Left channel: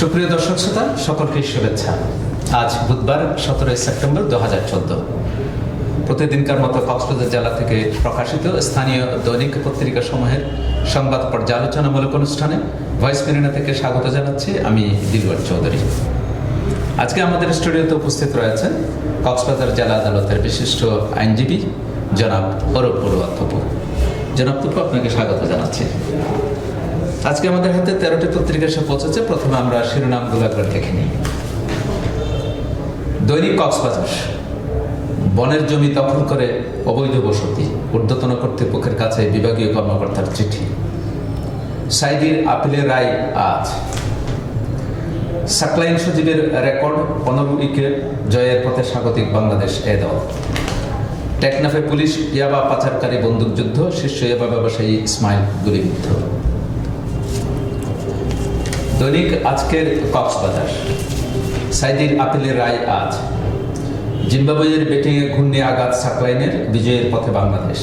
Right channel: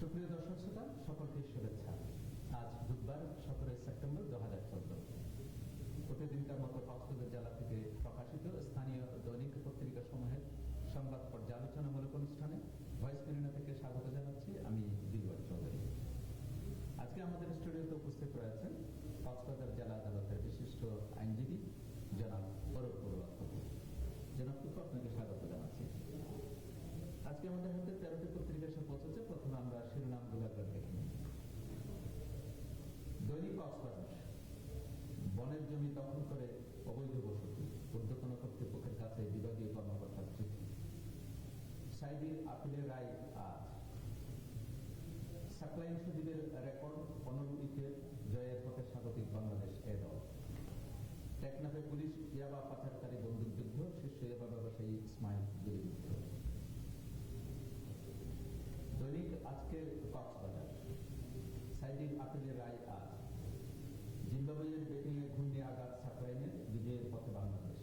সুপ্রিয় দর্শক শ্রোতা, সকলকে শুভেচ্ছা। আজ বুধবার 17 সেপ্টেম্বর 2014। প্রতিদিনকার মতো কক্সবাজার জেলা থেকে প্রকাশিত স্থানীয় দৈনিক পত্রিকা সমূহের সংবাদ পর্যালোচনামূলক অনুষ্ঠানে ভয়েস মেরিনা থেকে স্বাগত জানাচ্ছি আমি দিলওয়ার চৌধুরী। আজকে আমাদের স্টুডিওতে উপস্থিত রয়েছেন কক্সবাজার জেলা আদালতের বিশিষ্ট আইনজীবী জনাব অরূপ বড়ুয়া তপু। জনাব তপু, আপনাকে স্বাগত জানাচ্ছি। আজকে আমাদের হাতে 13টি পত্রিকা এসে পৌঁছেছে। প্রথমে আমরা শিরোনামগুলো একবার দেখে নিই। দৈনিক কক্সবাজার, বনের জমি দখল করে অবৈধ বসতি, ঊর্ধ্বতন কর্তৃপক্ষের কাছে বিভাগীয় কর্মকর্তার চিঠি। সাইদির আপিলের রায় আজ। সাকলাইন সজীবের রেকর্ড 15 উইকেট জয়ের পথে স্বাগতিক বাংলাদেশ এ দল। টেকনাফে পুলিশ ইয়াবা পাচারকারী বন্দুকযুদ্ধ, শীর্ষ ইয়াবা ব্যবসায়ী ইসমাইল গুলিবিদ্ধ। দৈনিক আজকের কক্সবাজার, সাইদির আপিলের রায় আজ। জিম্বাবুয়ের ব্যাটিংয়ে ঘূর্ণি আঘাত সাকলাইনের, বিজয়ের পথে বাংলাদেশ।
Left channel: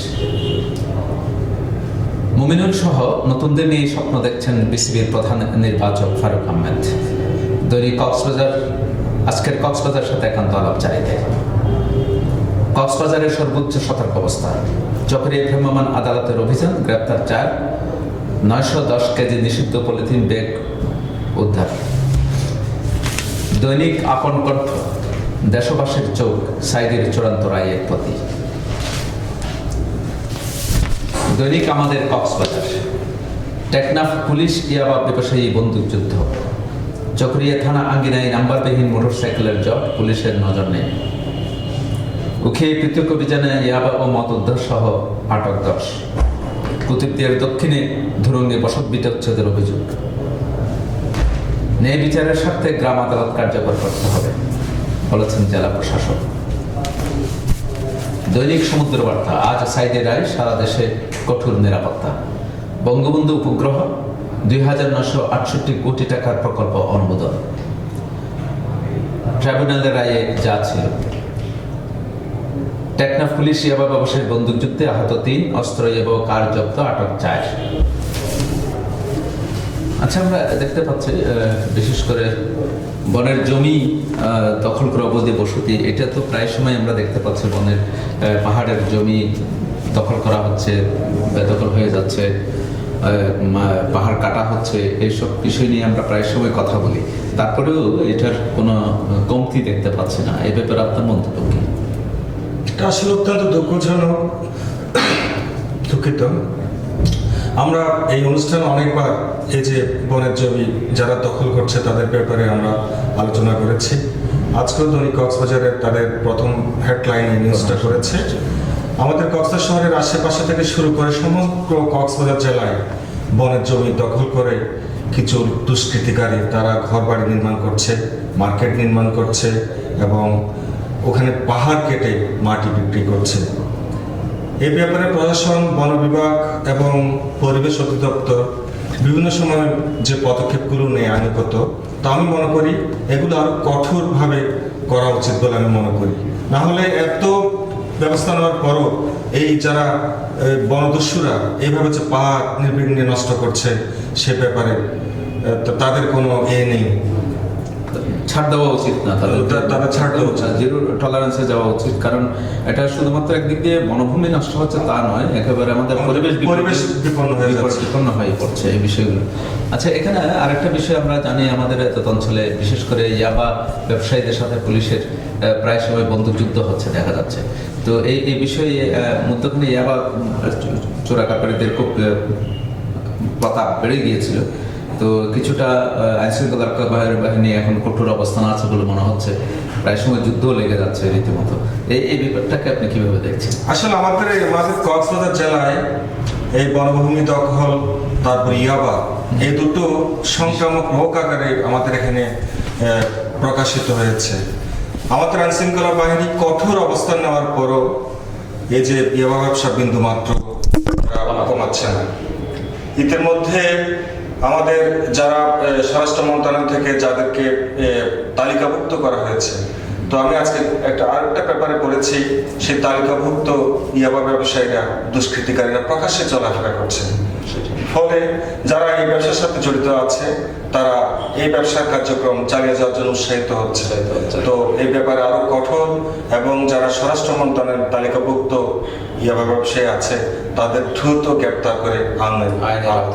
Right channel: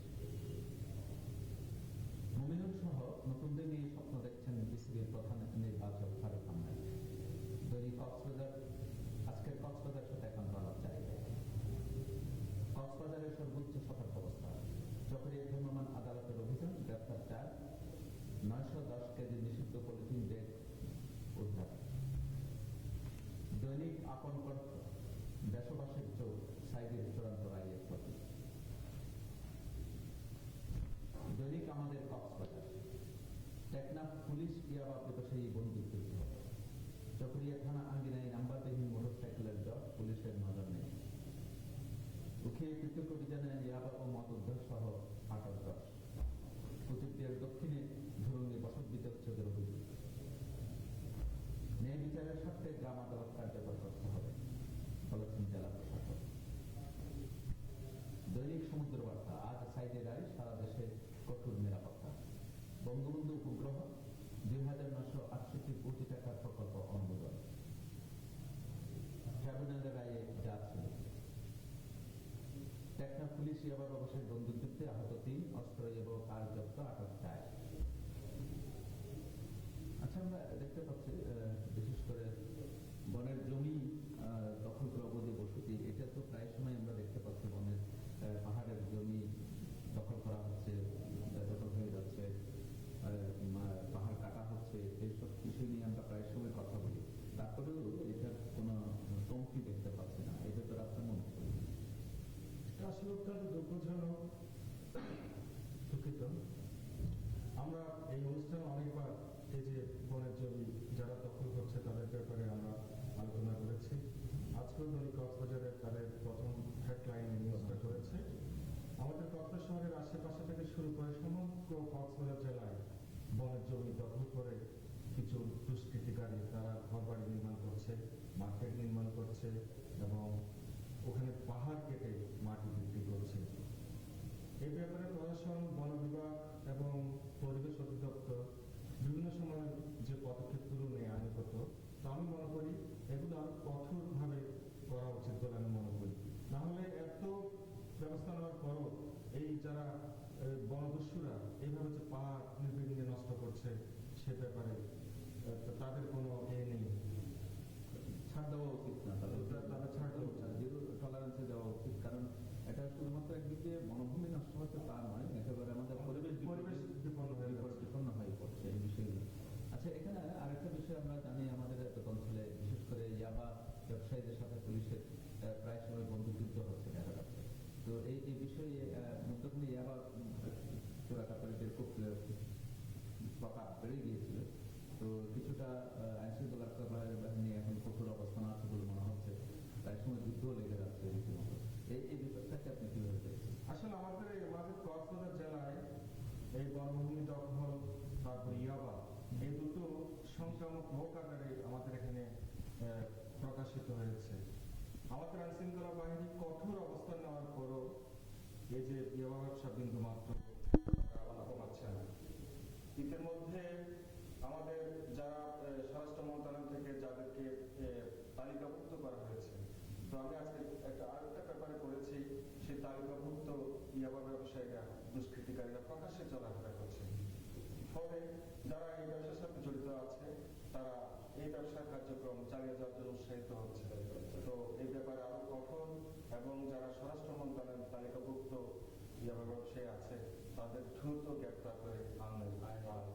মুমিনুল সহ নতুনদের নিয়ে স্বপ্ন দেখছেন বিসিবির প্রধান নির্বাচক ফারুক আহমেদ। দৈনিক কক্সবাজার, আজকের কক্সবাজার সাথে একান্ত আলাপ চাইতে। কক্সবাজারের সর্বোচ্চ সতর্কাবস্থা, চকরিয়া ভ্রাম্যমাণ আদালতের অভিযান, গ্রেপ্তার 4, 910 কেজি নিষিদ্ধ পলিথিন ব্যাগ উদ্ধার। দৈনিক আপন কণ্ঠ, দেশবাসীর চোখ সাইদের চূড়ান্ত রায়ের প্রতি। দৈনিক আমাদের কক্সবাজার, টেকনাফ পুলিশ ইয়াবা ব্যবসায়ী বন্দুকযুদ্ধ। চকরিয়া থানা আঙ্গিনায় নাম্বারবিহীন মোটরসাইকেলের জট, পুলিশের নজর নেই। উখিয়ে পৃথক অভিযানে ইয়াবা ও মদ উদ্ধার সহ আটক 10। কুতুবদিয়ার দক্ষিণে ধুরঙ্গে বসত বিচ্ছেদের অভিযোগ। ন্যায় বিচারের স্বার্থে গ্রাম আদালত কার্যকর করতে হবে বলেছেন জেলা প্রশাসক। দৈনিক সমুদ্র বার্তা, আজ সাইদের রায়, সারা দেশে কঠোর নিরাপত্তা। বঙ্গবন্ধু উপগ্রহ 2968 কোটি টাকার প্রকল্প অনুমোদন। ট্রাইব্যুনালের রায়ে যা ছিল। টেকনাফ পুলিশ ইয়াবা ব্যবসায়ীর বন্দুকযুদ্ধে আহত 3, অস্ত্র এবং কার জব্দ, আটক 4। আচ্ছা, আমরা দেখতে পাচ্ছি বিশেষ করে বনের জমি দখল করে অবৈধ বসতি, এটা তো প্রায় সময় আমরা দেখতে পাচ্ছি। বনের পাহাড়ের জমি দখল করা হচ্ছে, বেদখল হয়ে যাচ্ছে, পাহাড় কাটা হচ্ছে, এইসব বিষয় নিয়ে আমরা প্রায় সময় কথা বলি। তারপরেও এটার কোনো কমতি দেখতে পাচ্ছি না। এই ব্যাপারে আপনার মন্তব্য কি? এটা আসলে অত্যন্ত দুঃখজনক, দুঃখিত। আমরা এই অনুষ্ঠানে অনেকবার এই যে বনের জমি যারা দখল করছে তাদের ব্যাপারে আমরা আলোচনা করেছি। আজকেও দৈনিক কক্সবাজারের তাদের প্রথম হেডলাইন নিউজটা করেছে। আমাদের কক্সবাজার শহরের আশেপাশে থেকে শুরু করে সমগ্র কক্সবাজার জেলায় বনের জমি দখল করে কিছু দুষ্কৃতিকারী তারা ঘরবাড়ি নির্মাণ করছে, মার্কেট নির্মাণ করছে এবং ওখানে পাহাড় কেটে মাটি বিক্রি করছে। এই ব্যাপারে প্রশাসন, বন বিভাগ এবং পরিবেশ অধিদপ্তর বিভিন্ন সময় যে পদক্ষেপগুলো নেয় আইনগত, তা আমি মনে করি এগুলো আরো কঠোরভাবে করা উচিত বলে আমি মনে করি। না হলে এত ব্যবস্থা নেওয়ার পরও এই যারা বনদস্যুরা এইভাবে যে পাহাড় নির্বিঘ্নে নষ্ট করছে সে ব্যাপারে তাদের কোনো নেই, ছাড় দেওয়া উচিত না, তাদের ছাড় দেওয়া উচিত, জিরো টলারেন্সে যাওয়া উচিত। কারণ এটা শুধুমাত্র একদিক দিয়ে বনভূমি নষ্ট হচ্ছে তা নয়, একেবারে আমাদের পরিবেশ বিপন্ন হয়ে পড়ছে এই বিষয়গুলো। আচ্ছা, এখানে আরেকটা বিষয় আমরা জানি, আমাদের অঞ্চলে বিশেষ করে ইয়াবা ব্যবসায়ীদের সাথে পুলিশের প্রায় সময় বন্দুকযুদ্ধ হচ্ছে দেখা যাচ্ছে। তো এই বিষয়ে মধ্যখানে ইয়াবা চোরাকারীদের খুব প্রতাপ বেড়ে গিয়েছিল। তো কিছুটা আইনশৃঙ্খলা বাহিনী এখন কঠোর অবস্থান আছে বলে মনে হচ্ছে, প্রায় সময় যুদ্ধও লেগে যাচ্ছে রীতিমতো। এই ব্যাপারটাকে আপনি কিভাবে দেখছেন? আসলে আমাদের কক্সবাজার জেলায় এই বনভূমি দখল, তারপর ইয়াবা, এই দুটো সংক্রামক রোগ আকারে আমাদের এখানে প্রকাশিত হয়েছে। আমাদের আইনশৃঙ্খলা বাহিনী কঠোর অবস্থান নেওয়ার পরও এই যে ইয়াবা ব্যবসা বিন্দু মাত্র কমাচ্ছে না। ইতিমধ্যে আমাদের যারা স্বরাষ্ট্র মন্ত্রণালয় থেকে যাদেরকে তালিকাভুক্ত করা হয়েছে, তো আমি আজকে আরেকটা পেপারে পড়েছি, সেই তালিকাভুক্ত ইয়াবা ব্যবসায়ীরা, দুষ্কৃতিকারীরা প্রকাশ্যে চলাফেরা করছে। ফলে যারা এই ব্যবসার সাথে জড়িত আছে তারা এই ব্যবসার কার্যক্রম চালিয়ে যাওয়ার জন্য উৎসাহিত হচ্ছে। তো এই ব্যাপারে আরো কঠোর এবং যারা স্বরাষ্ট্র মন্ত্রণালয়ের তালিকাভুক্ত ইয়াবা ব্যবসায়ী আছে তাদের দ্রুত গ্রেপ্তার করে আইনের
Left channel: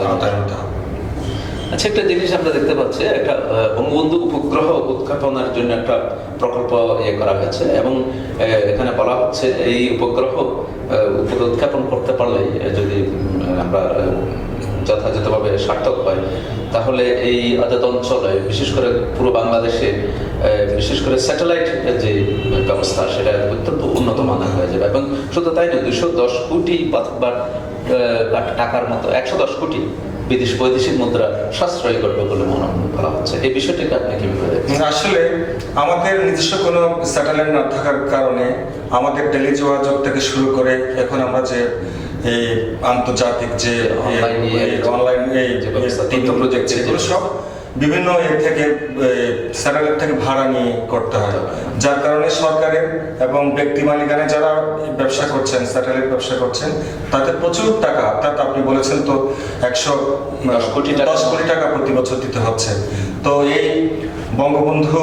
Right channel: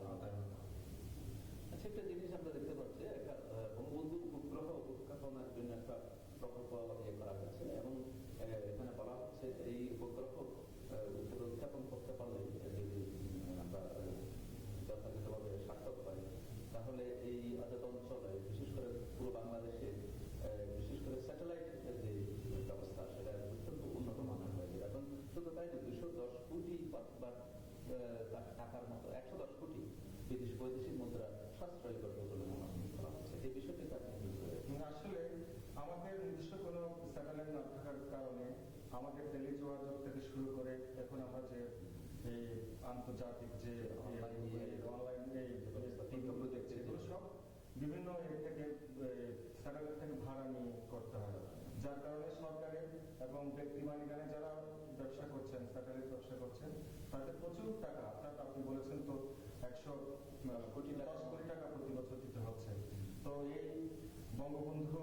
আওতায় আনতে হবে। আচ্ছা, একটা জিনিস আমরা দেখতে পাচ্ছি, একটা বঙ্গবন্ধু উপগ্রহ উৎক্ষেপণের জন্য একটা প্রকল্প করা হয়েছে এবং এখানে বলা হচ্ছে এই উপগ্রহ উৎক্ষেপণ করতে পারলে যদি আমরা যথাযথভাবে সার্থক হয় তাহলে এই আজাদ অঞ্চলে বিশেষ করে পুরো বাংলাদেশে বিশেষ করে স্যাটেলাইট যে ব্যবস্থা সেটা অত্যন্ত উন্নত মানের হয়ে যাবে এবং শুধু তাই নয় 210 কোটি টাকার মতো 110 কোটি বৈদেশিক মুদ্রা সাশ্রয় করবে বলে মনে করা হচ্ছে। এই বিষয়টাকে আপনি কিভাবে দেখেন? আসলে আমাদের নিজস্ব কোনো স্যাটেলাইট না থাকার কারণে আমাদের টেলি যোগাযোগ থেকে শুরু করে এখন আমরা যে এই আন্তর্জাতিক যে অনলাইন প্রজেক্ট এগুলো সব বিভিন্ন থেকে স্যাটেলাইট থেকে ভাড়া নিয়ে করতে হয়, যার কারণে সরকারের এবং ব্যক্তি মালিকানা যারা ব্যবসা করছেন স্যাটেলাইট ব্যবসা করছেন তাদের প্রচুর টাকা, অর্থাৎ আপনি বলেছেন তো 110 কোটি টাকা প্রতি বছর দিতে হচ্ছে। তো এই বঙ্গবন্ধু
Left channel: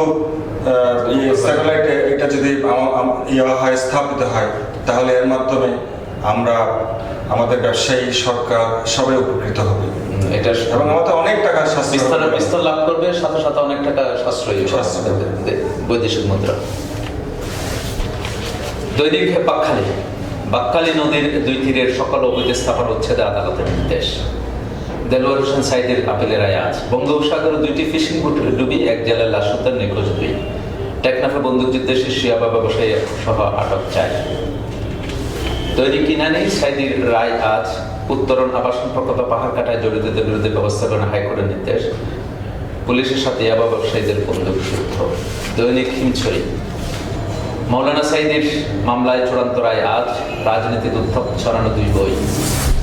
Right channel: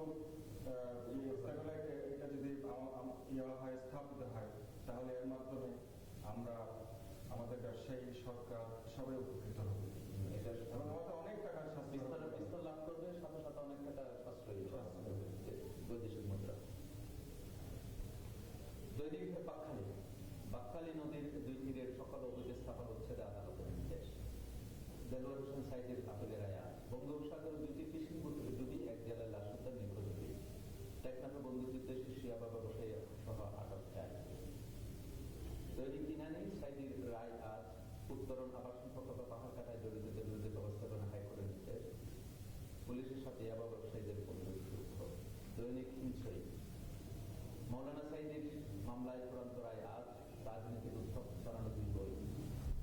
স্যাটেলাইট এটা যদি স্থাপিত হয় তাহলে এর মাধ্যমে আমরা আমাদের ব্যবসায়ী সরকার সবাই উপকৃত হবে এটা এবং আমাদের অনেক টাকা বিস্তার লাভ করবে, সাথে সাথে অনেক টাকা সাশ্রয়ী বৈদেশিক মুদ্রা। দৈনিক বাকখালী নদীর 2 তীরের সকল অবৈধ স্থাপন উচ্ছেদে আদালতের নির্দেশ। দেলোয়ার হোসেন সাইদের আপিলের রায় আজ। বঙ্গোপসাগরে 2টি ফিশিং বোট ডুবি এক জেলার লাশ উদ্ধার, নিখোঁজ 2। টেকনাফে বন্দুকযুদ্ধে শীর্ষ ইয়াবা ব্যবসায়ী সহ আটক 4। দৈনিক ইনানি সাইদির রায় আজ। উত্তরণ আবাসন প্রকল্প পাহাড় কাটায় জড়িতদের বিরুদ্ধে ব্যবস্থা গ্রহণে হাইকোর্টের নির্দেশ। পুলিশের সাথে ইয়াবা ব্যবসায়ীদের বন্দুকযুদ্ধ। দৈনিক হিমছড়ি মৌলানা সাইদির মামলায় চূড়ান্ত রায় আজ। রাজনীতির উত্থাপ ছড়ানো 2 বই।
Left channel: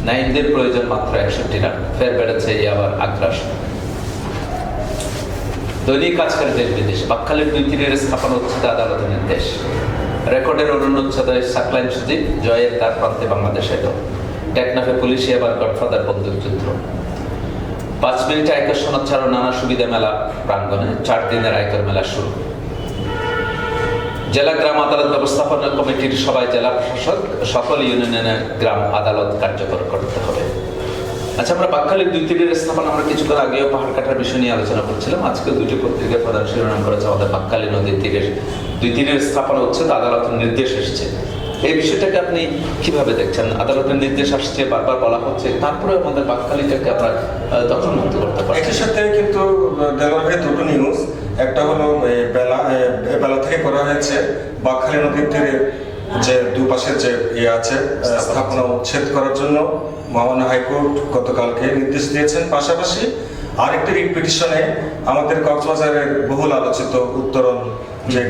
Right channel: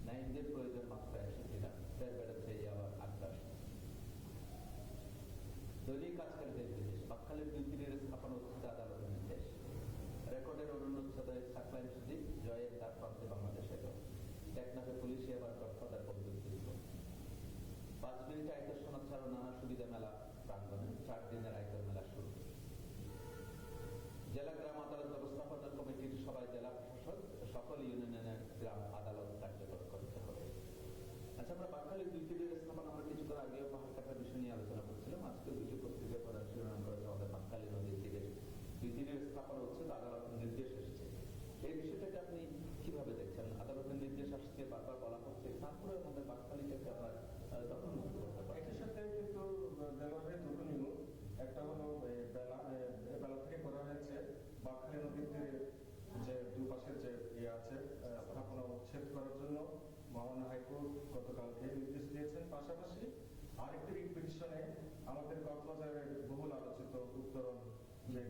নাইমদের প্রয়োজন মাত্র 61 রান, ফের বেড়েছে ইয়াবার আগ্রাসন। দৈনিক আজকের দেশ বিদেশ। বাকখালীর 2 তীরের স্থাপন উচ্ছেদে আদালতের নির্দেশ। রেকর্ডের অনুচ্ছেদে সাকলাইন সুজিত জয়ের তার প্রান্তে বাংলাদেশ এলো। টেকনাফে পুলিশে আবার গডফাদার বন্দুকযুদ্ধ। 5 মিনিটে আয়কর সনদ ছাড়াও নানা সুবিধা মেলা প্রাঙ্গণে 4 দিনের আয়কর মেলা শুরু। জেলা গ্রাম আদালত ব্যবস্থাপনা কমিটির সবাই জেলা প্রশাসক সকল ইউনিয়নের গ্রাম আদালত কার্যকর করতে হবে। আচ্ছা, আমরা বাকখালীর 2 তীরের স্থাপন আমরা কিছুক্ষণ আগেও পাহাড় কাটার বিষয় নিয়ে আলোচনা করছিলাম। আজকে 2টি পত্রিকার প্রধান শিরোনাম করেছে আমাদের বাকখালী নদীর তীরের 2 তীরের স্থাপন হচ্ছে, আদালতের নির্দেশ এসেছে। এই বিষয়টাকে আপনি কিভাবে দেখছেন? আদালতের নির্দেশ আসছে, বারবার বলা হচ্ছে, তারপরে আমাদের বাকখালীটাকে আমরা দখলমুক্ত করতে পারি। এটার সাথে কিন্তু দেলোয়ারের 2টো নিউজ, একটা হলো বেলা থেকে করা হয়েছে বাকখালী নদীর তীরে যে দুপাশের যে আছে স্থাপনা উচ্ছেদ করার জন্য মহামান্য হাইকোর্ট গতকালকে নির্দেশ দিয়েছেন। পাশাপাশি আরেকটি রিট পিটিশনে আমাদের কক্সবাজারের বহুল আলোচিত উত্তরণ যে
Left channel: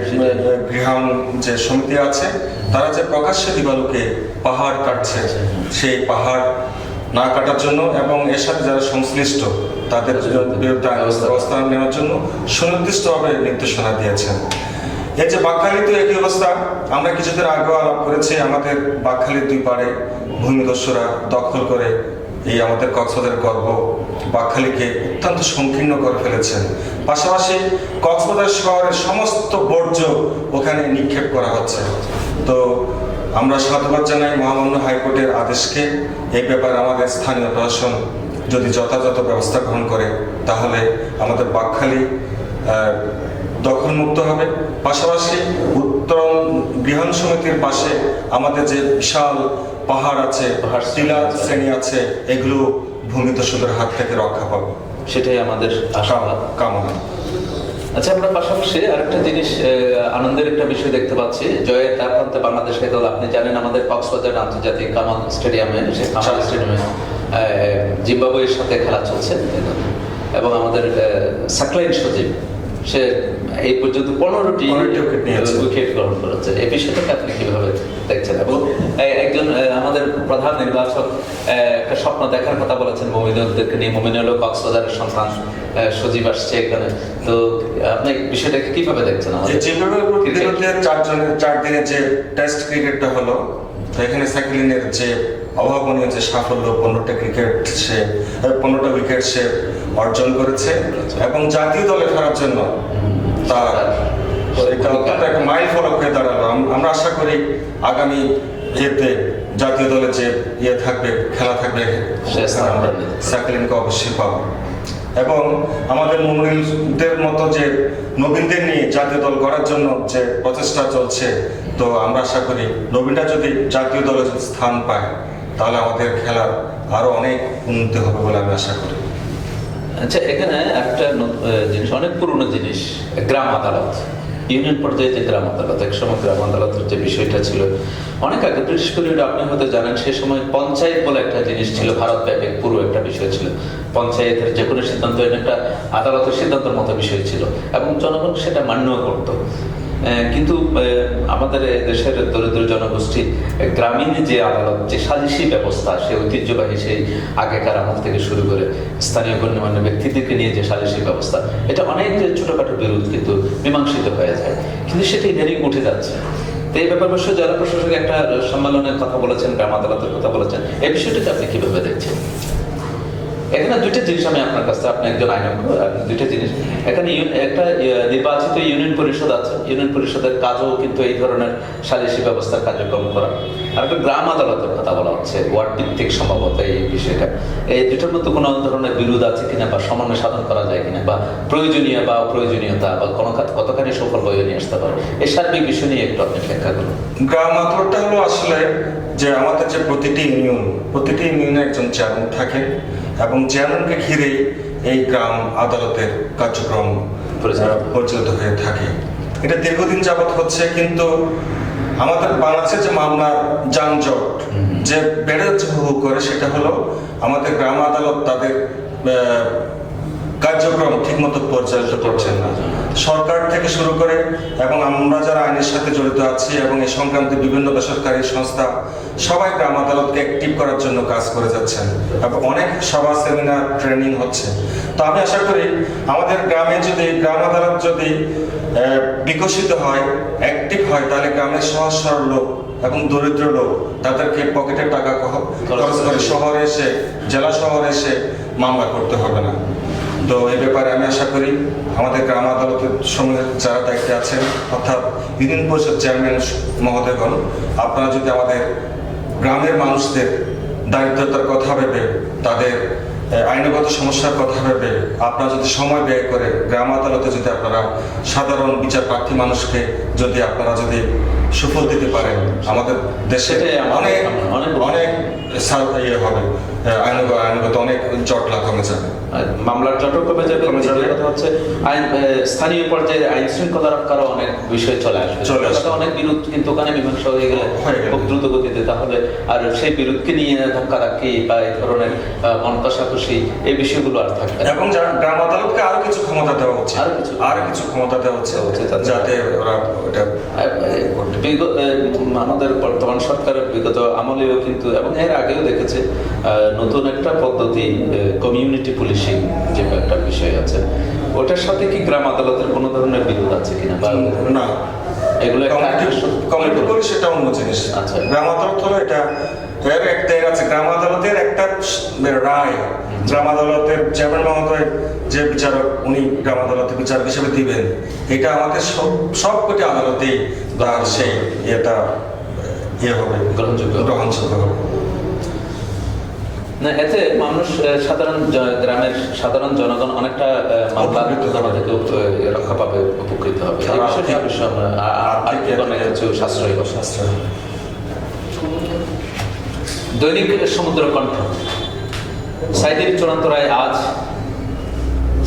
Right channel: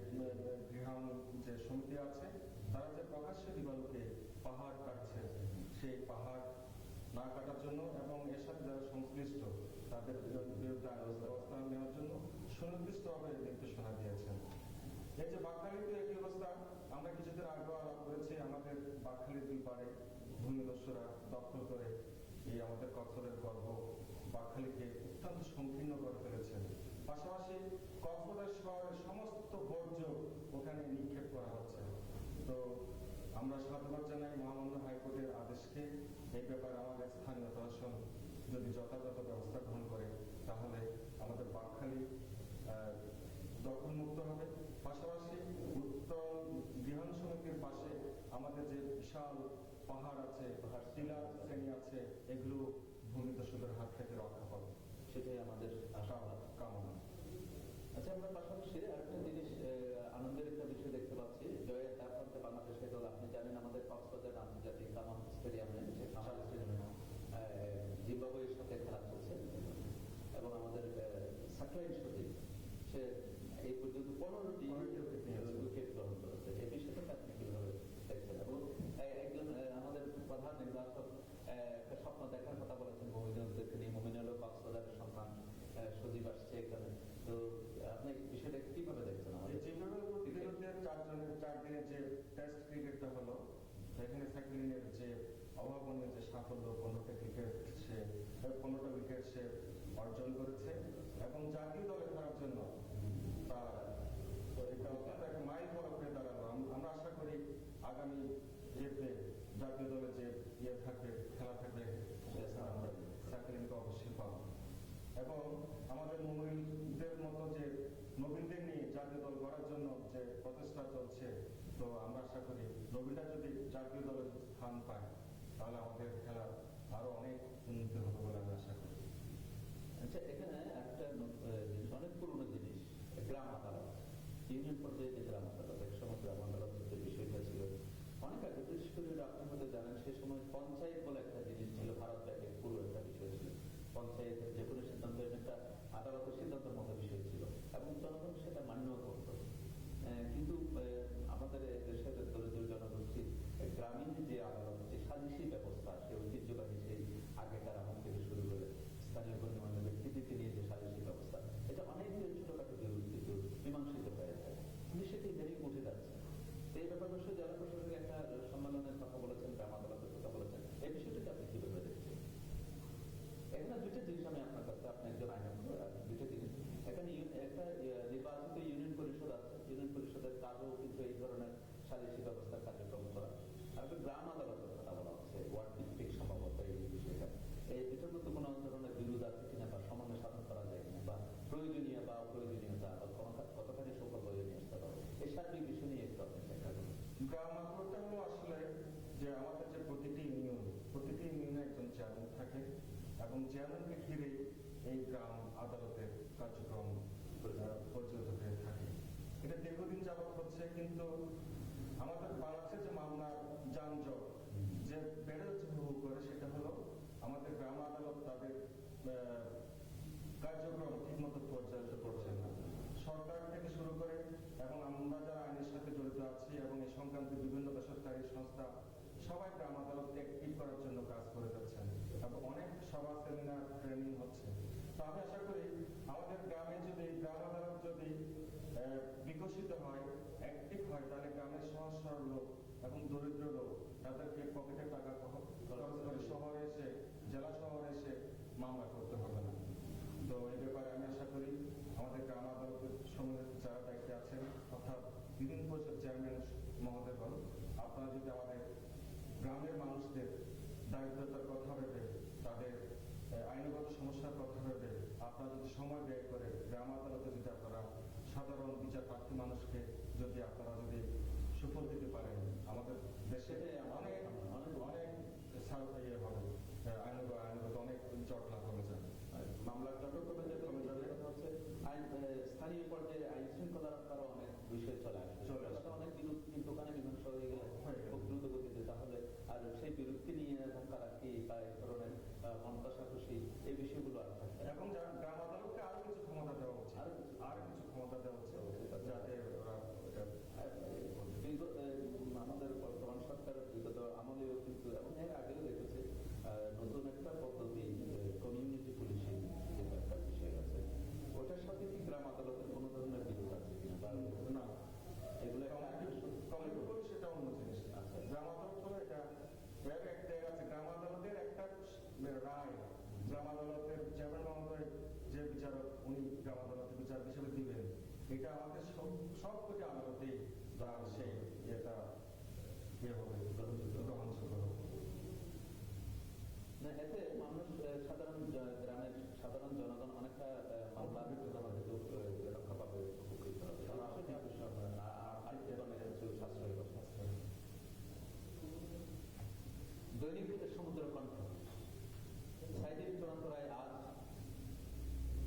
গৃহায়ণ যে সমিতি আছে তারা যে প্রকাশ্যে দিবালোকে পাহাড় কাটছে, সেই পাহাড় না কাটার জন্য এবং এর সাথে যারা সংশ্লিষ্ট তাদের বিরুদ্ধে ব্যবস্থা নেওয়ার জন্য সুনির্দিষ্টভাবে নির্দেশনা দিয়েছেন। এই যে বাকখালীতে একই অবস্থা, আমরা কিছুদিন আগেও আলাপ করেছি, আমাদের বাকখালীর 2 পাড়ে ভূমিদস্যুরা দখল করে এই আমাদের কক্সবাজারের গর্ব বাকখালীকে অত্যন্ত সংকীর্ণ করে ফেলেছেন। পাশাপাশি কক্সবাজার শহরের সমস্ত বর্জ্য ওখানে নিক্ষেপ করা হচ্ছে। তো আমরা সাধুবাদ জানাই মহামান্য হাইকোর্টের আদেশকে। এই ব্যাপারে আমাদের স্থানীয় প্রশাসন যদি যথাযথ ব্যবস্থা গ্রহণ করে তাহলে আমাদের বাকখালী দখলমুক্ত হবে। পাশাপাশি উত্তরণ গৃহায়ণ সমিতির পাশে আমাদের যে বিশাল পাহাড় আছে, টিলা শ্রেণী আছে, এগুলো ভূমিদস্যুদের হাত থেকে রক্ষা পাবে, সেটাই আমাদের কামনা। আচ্ছা, আমরা পাশাপাশি আরেকটা জিনিস আনন্দের একটা বিষয় দেখতে পাচ্ছি, জয়ের তার প্রান্তে বাংলাদেশ দল। আপনি জানেন আমাদের কক্সবাজার আন্তর্জাতিক কামাল স্টেডিয়ামে জিম্বাবুয়ের সাথে খেলা চলছে এবং আমাদের সাকলাইন সজীব সে এই পর্যন্ত 15টি উইকেট গ্রহণ করেছে। এই বিষয়টাকে আপনি কিভাবে দেখছেন? এবং একজন আমাদের প্রধান নির্বাচক একটা স্বপ্ন দেখার কথা বলেছেন মমিনুলদেরকে নিয়ে। মমিনুল কক্সবাজারের সন্তান, সজীব আসছে এখানে, তো আপনি বিষয়টাকে কিভাবে দেখছেন? জিম্বাবুয়ের 4 দিনের যে টেস্ট ক্রিকেটটা হলো, এখানে সাকলাইনের যে অভাবনীয় যে সাফল্য, 15টা ক্রিকেট সে 15টা উইকেট সে অর্জন করেছে এবং জাতীয় দলে খেলার জন্য তার এটা অত্যন্ত একটা মাইল ফলক হয়ে দাঁড়ালো। আমরা আশা করি আগামী ইয়েতে জাতীয় দলে যে থাকবে, খেলা থাকবে, আমরা সাকলিনকে অবশ্যই পাবো। এবং আমাদের মুমিনদের মতো যে নবীনদের নিয়ে জাতীয় দল গড়ার জন্য যে প্রচেষ্টা চলছে, তো আমরা আশা করি নবীনরা যদি জাতীয় দলে যদি স্থান পায় তাহলে আমাদের খেলার আরো অনেক উন্নতি হবে বলে আমি আশা করি। আচ্ছা, এখানে একটা জিনিস, অনেক পুরনো জিনিস, গ্রাম আদালত, ইউনিয়ন পর্যায়ে যে গ্রাম আদালত, একসময় গ্রাম আদালতের যে বিষয়টা ছিল অনেক আগে, বিশেষ করে আপনি হয়তো জানেন সে সময় পঞ্চায়েত বলে একটা জিনিস ছিল, ভারতব্যাপী পুরো একটা বিষয় ছিল। পঞ্চায়েতের যে কোনো সিদ্ধান্ত একটা আদালতের সিদ্ধান্তের মতো বিষয় ছিল এবং জনগণ সেটা মান্যও করত। কিন্তু আমাদের দেশের দরিদ্র জনগোষ্ঠী গ্রামীণ যে আদালত, যে সালিসি ব্যবস্থা, সে ঐতিহ্যবাহী সেই আগেকার আমল থেকে শুরু করে স্থানীয় গণ্যমান্য ব্যক্তিদেরকে নিয়ে যে সালিসি ব্যবস্থা, এটা অনেক ছোটখাটো বিরোধ কিন্তু মীমাংসিত হয়ে যায়, কিন্তু সেটা ইদানিং উঠে যাচ্ছে। তো এই ব্যাপার অবশ্য জেলা প্রশাসক একটা সম্মেলনের কথা বলেছেন, গ্রাম আদালতের কথা বলেছেন, এই বিষয়টাকে আপনি কিভাবে দেখছেন? এখানে দুইটা জিনিস আমি আপনার কাছে, আপনি একজন আইনজ্ঞ, দুইটা জিনিস এখানে, একটা নির্বাচিত ইউনিয়ন পরিষদ আছে, ইউনিয়ন পরিষদের কাজও কিন্তু এই ধরনের সালিসি ব্যবস্থার কার্যক্রম করা, আর একটা গ্রাম আদালতের কথা বলা হচ্ছে ওয়ার্ড ভিত্তিক সম্ভবত এই বিষয়টা। এই দুটোর মধ্যে কোনো ধরনের বিরোধ আছে কিনা, বা সমন্বয় সাধন করা যায় কিনা, বা প্রয়োজনীয় বা অপ্রয়োজনীয়তা, বা কোনো কতখানি সফল বয়ে নিয়ে আসতে পারে, এই সার্বিক বিষয় নিয়ে একটু আপনি ব্যাখ্যা করুন। গ্রাম আদালতটা হলো আসলে যে আমাদের যে প্রতিটি ইউনিয়নে একজন চেয়ারম্যান থাকে এবং চেয়ারম্যানকে ঘিরেই এই গ্রাম আদালতের কার্যক্রম পরিচালিত হয়ে থাকে। এটা দীর্ঘদিন যাবৎ হচ্ছে, কিন্তু আমাদের বাংলাদেশের যে মামলার যানজট যে বেড়ে যাচ্ছে হু করে, সেটা হলো আমাদের গ্রাম আদালত তাদের কার্যক্রম ঠিকমতো পরিচালিত করছেন না। সরকার থেকে শুরু করে এবং আমরা যারা আইনের সাথে জড়িত আছি এবং এই সংক্রান্তে বিভিন্ন বেসরকারি সংস্থা সবাই গ্রাম আদালতকে অ্যাক্টিভ করার জন্য কাজ করে যাচ্ছেন এবং অনেক সভা, সেমিনার, ট্রেনিং হচ্ছে। তো আমি আশা করি আমাদের গ্রামে যদি গ্রাম আদালত যদি বিকশিত হয়, অ্যাক্টিভ হয়, তাহলে গ্রামের সহজ সরল লোক এবং দরিদ্র লোক তাদেরকে পকেটের টাকা খরচ করে শহরে এসে, জেলা শহরে এসে মামলা করতে হবে না। তো এই ব্যাপারে আমি আশা করি আমাদের গ্রাম আদালতের সঙ্গে যারা দায়িত্বে আছেন, অর্থাৎ ইউনিয়ন পরিষদ চেয়ারম্যান মহোদয়গণ, আপনারা যদি আমাদের গ্রামের মানুষদের দারিদ্রতার কথা ভেবে, তাদের আইনগত সমস্যার কথা ভেবে আপনারা যদি সময় ব্যয় করে গ্রাম আদালতে যদি আপনারা সাধারণ বিচার প্রার্থী মানুষকে যদি আপনারা যদি সুফল দিতে পারেন, আমাদের দেশে অনেক অনেক ইয়ে হবে, আইনগত অনেক জটলা কমে যাবে, মামলার জটও কমে যাবে। কথা হচ্ছে স্থানীয় পর্যায়ে আইন শৃঙ্খলা রক্ষার অনেক বিষয় চলে আসবে, অনেক বিরোধ কিন্তু ওখানে মীমাংসা হয়ে গেলে খুব দ্রুত গতিতে, তাহলে আর সেই বিরোধকে নিয়ে ধাক্কাধাক্কি বা এই ধরনের মন কষাকষি, এই বিষয়গুলো আর থাকবে। এবং গ্রাম আদালতকে আরো কিছু ক্ষমতা দেওয়া হচ্ছে, আরো কিছু ক্ষমতা দেওয়া হচ্ছে, যাতে ওরা আমাদের বর্তমান সরকারের বিগত আমলেও কিন্তু এবং এর আগেও দেখেছে নতুন একটা পদ্ধতি, কমিউনিটি পুলিশিং যে একটা বিষয় আছে, ওটার সাথে কি গ্রাম আদালতের কোনো ধরনের বিরোধ আছে কিনা? না, এগুলো কমিউনিটি পুলিশ এটা অন্য জিনিস। আচ্ছা, গ্রাম আদালত হলো এটা আছে, গ্রাম আদালতের একটা রায়, গ্রাম আদালতের চেয়ারম্যান মহোদয় যে বিচারক, উনি গ্রাম আদালতে বিচারক হিসেবে দিবেন, এটা আমাদের সবকটি আদালতেই তার সেই এটা হবে, গ্রহণযোগ্য হবে না। এতে মানুষ, সাধারণ গ্রামের সাধারণ জনগণ অনেকটা মামলা থেকে রক্ষা পাবে, উপকৃত হবে। অনেক কিছু সাশ্রয় হবে। দৈনিক সমুদ্র কণ্ঠ, সাইদির চূড়ান্ত রায় আজ।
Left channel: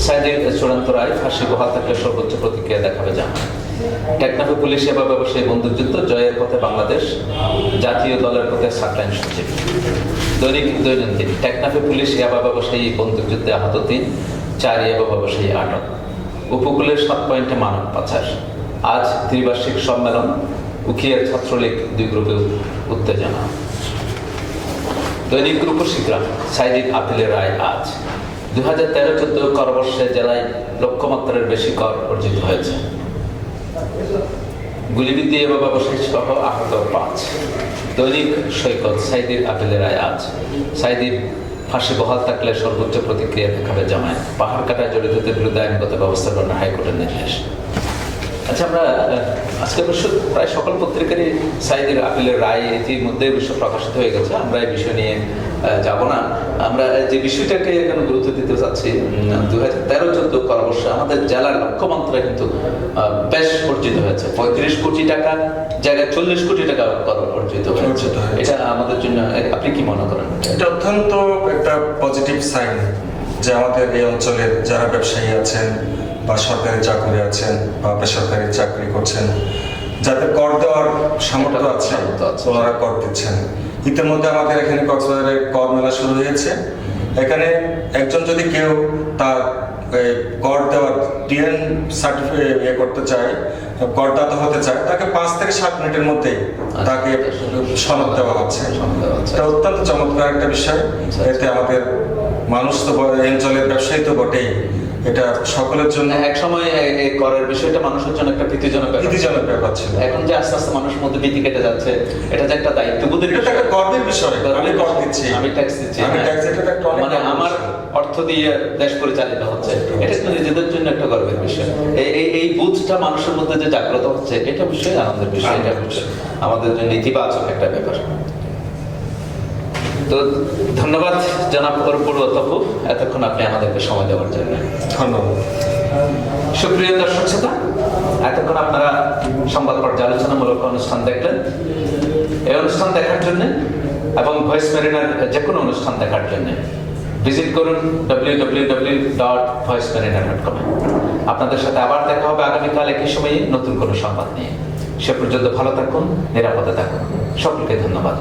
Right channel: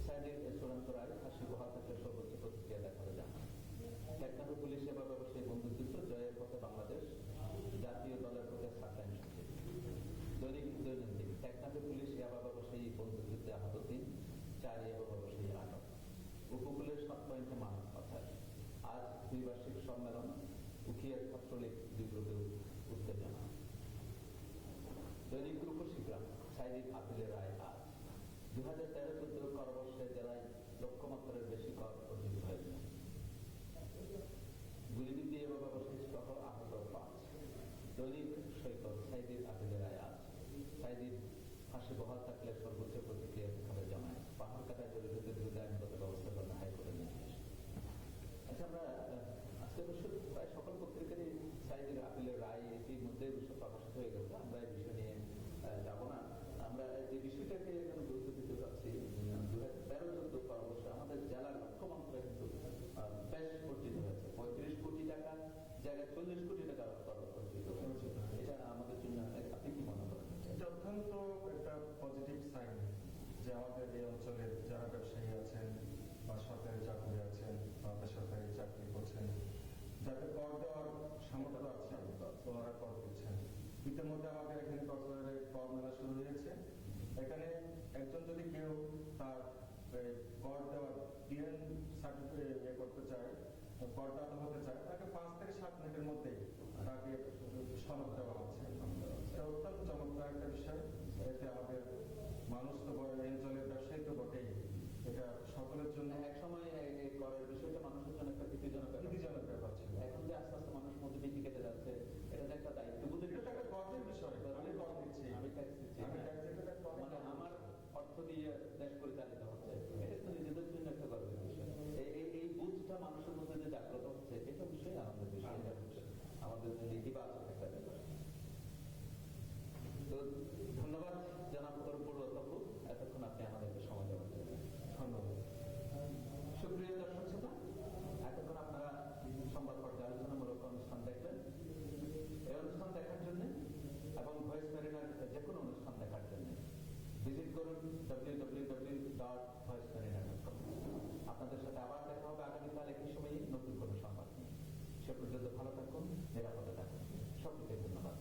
সাইদির চূড়ান্ত রায়, ফাঁসি বহাল থাকলে সর্বোচ্চ প্রতিক্রিয়া দেখাবে জানা। টেকনাফে পুলিশ সেবা ব্যবসায়ী বন্দুকযুদ্ধ, জয়ের পথে বাংলাদেশ, জাতীয় দলের পথে সাকলাইন সচিব। দৈনন্দিন, টেকনাফে পুলিশ সেবা ব্যবসায়ী বন্দুকযুদ্ধে আহত 3, 4 ইয়াবা ব্যবসায়ী আটক। উপকূলের 7 পয়েন্টে মানব পাচার। আজ ত্রিবার্ষিক সম্মেলন, উখিয়ার ছাত্রলীগ 2 গ্রুপে উত্তেজনা। দৈনিক রূপসী গ্রাম, সাইদির আপিলের রায় আজ। 2013-14 করবর্ষে জেলায় লক্ষ্যমাত্রার বেশি কর অর্জিত হয়েছে। গুলিবিদ্ধ ইয়াবা ব্যবসায়ী সহ আহত 5। দৈনিক সৈকত, সাইদির আপিলের রায় আজ। সাইদির ফাঁসি বহাল থাকলে সর্বোচ্চ প্রতিক্রিয়া দেখাবে জামায়াত, পাহাড় কাটায় জড়িতদের বিরুদ্ধে আইনগত ব্যবস্থা গ্রহণ হাইকোর্টের নির্দেশ। আচ্ছা, আমরা আজকে অবশ্য প্রায় সকল পত্রিকারই সাঈদীর আপিলের রায় ইতিমধ্যে অবশ্য প্রকাশিত হয়ে গেছে, আমরা এই বিষয় নিয়ে যাব না। আমরা যে বিষয়টাকে এখানে গুরুত্ব দিতে চাচ্ছি, 2013-14 পরামর্শে আমাদের জেলার লক্ষ্যমাত্রা কিন্তু বেশ অর্জিত হয়েছে। 35 কোটি টাকা জায়গায় 40 কোটি টাকা কর অর্জিত হয়েছে। এটা আমাদের জন্য, আপনি কি মনে করেন? এটা অত্যন্ত একটা পজিটিভ সাইন যে আমাদের এই অঞ্চলের যারা ব্যবসায়ী আছেন বা সরকারি চাকরি আছেন বা বেসরকারি চাকরি করছেন, যাদের কর দেওয়ার সামর্থ্য আছে ওনারা কর দিচ্ছেন। ইতিমধ্যে আমাদের এখানে কক্সবাজারে কর মেলা শুরু হয়েছে। এখানে একজন যদি কেউ তার কর দেওয়ার টিএন সার্টিফিকেট করতে চায়, করদাতা হতে চায়, তাকে 5 থেকে 7 মিনিটের মধ্যেই তাকে সনদ দেওয়া হচ্ছে। এটা অত্যন্ত চমৎকার একটা বিষয়। এতে আমাদের মানুষ তো এই অঞ্চলের ব্যবসায়ী তো বটেই, এটা সকলের জন্য এক সময় এই করের বিষয়টা মানুষের জন্য একটা ভীতিজনক ব্যাপার ছিল। এখন যে আস্তে আস্তে মানুষের মধ্যে ভীতি কেটে যাচ্ছে, এটা যে একটা দায়িত্ববোধের এটা একটা গর্বের বিষয়। আমি কর দিচ্ছি, আমি ট্যাক্স দিচ্ছি, আমি ট্যাক্স, এটা একটা অনেক মানে আমার অর্থ দিয়ে দেশ পরিচালিত হচ্ছে, এটা তো নিজেদের জন্য একটা গর্বের বিষয়। এই বুঝটা মানুষের মধ্যে যে জাগ্রত হচ্ছে, এটা বিষয় আনন্দের বিষয়, এটা বিষয় আমাদের জন্য ইতিবাচক একটা ব্যাপার। তো ধন্যবাদ জনাব অরুপুর অতপু, এতক্ষণ আপনি আমাদেরকে সময় দেওয়ার জন্য ধন্যবাদ। সুপ্রিয় দর্শক শ্রোতা, এতক্ষণ আপনারা সংবাদ পর্যালোচনামূলক অনুষ্ঠান দেখলেন। এই অনুষ্ঠান দেখার জন্য এবং ভয়েস মেরিনার যে কোনো অনুষ্ঠান দেখার জন্য ভিজিট করুন www.voicemariner.com। আপনাদের সাথে আবার দেখা হবে আগামীকাল একই সময়ে নতুন কোনো সংবাদ নিয়ে। সে পর্যন্ত ভালো থাকুন, নিরাপদে থাকুন। সকলকে ধন্যবাদ।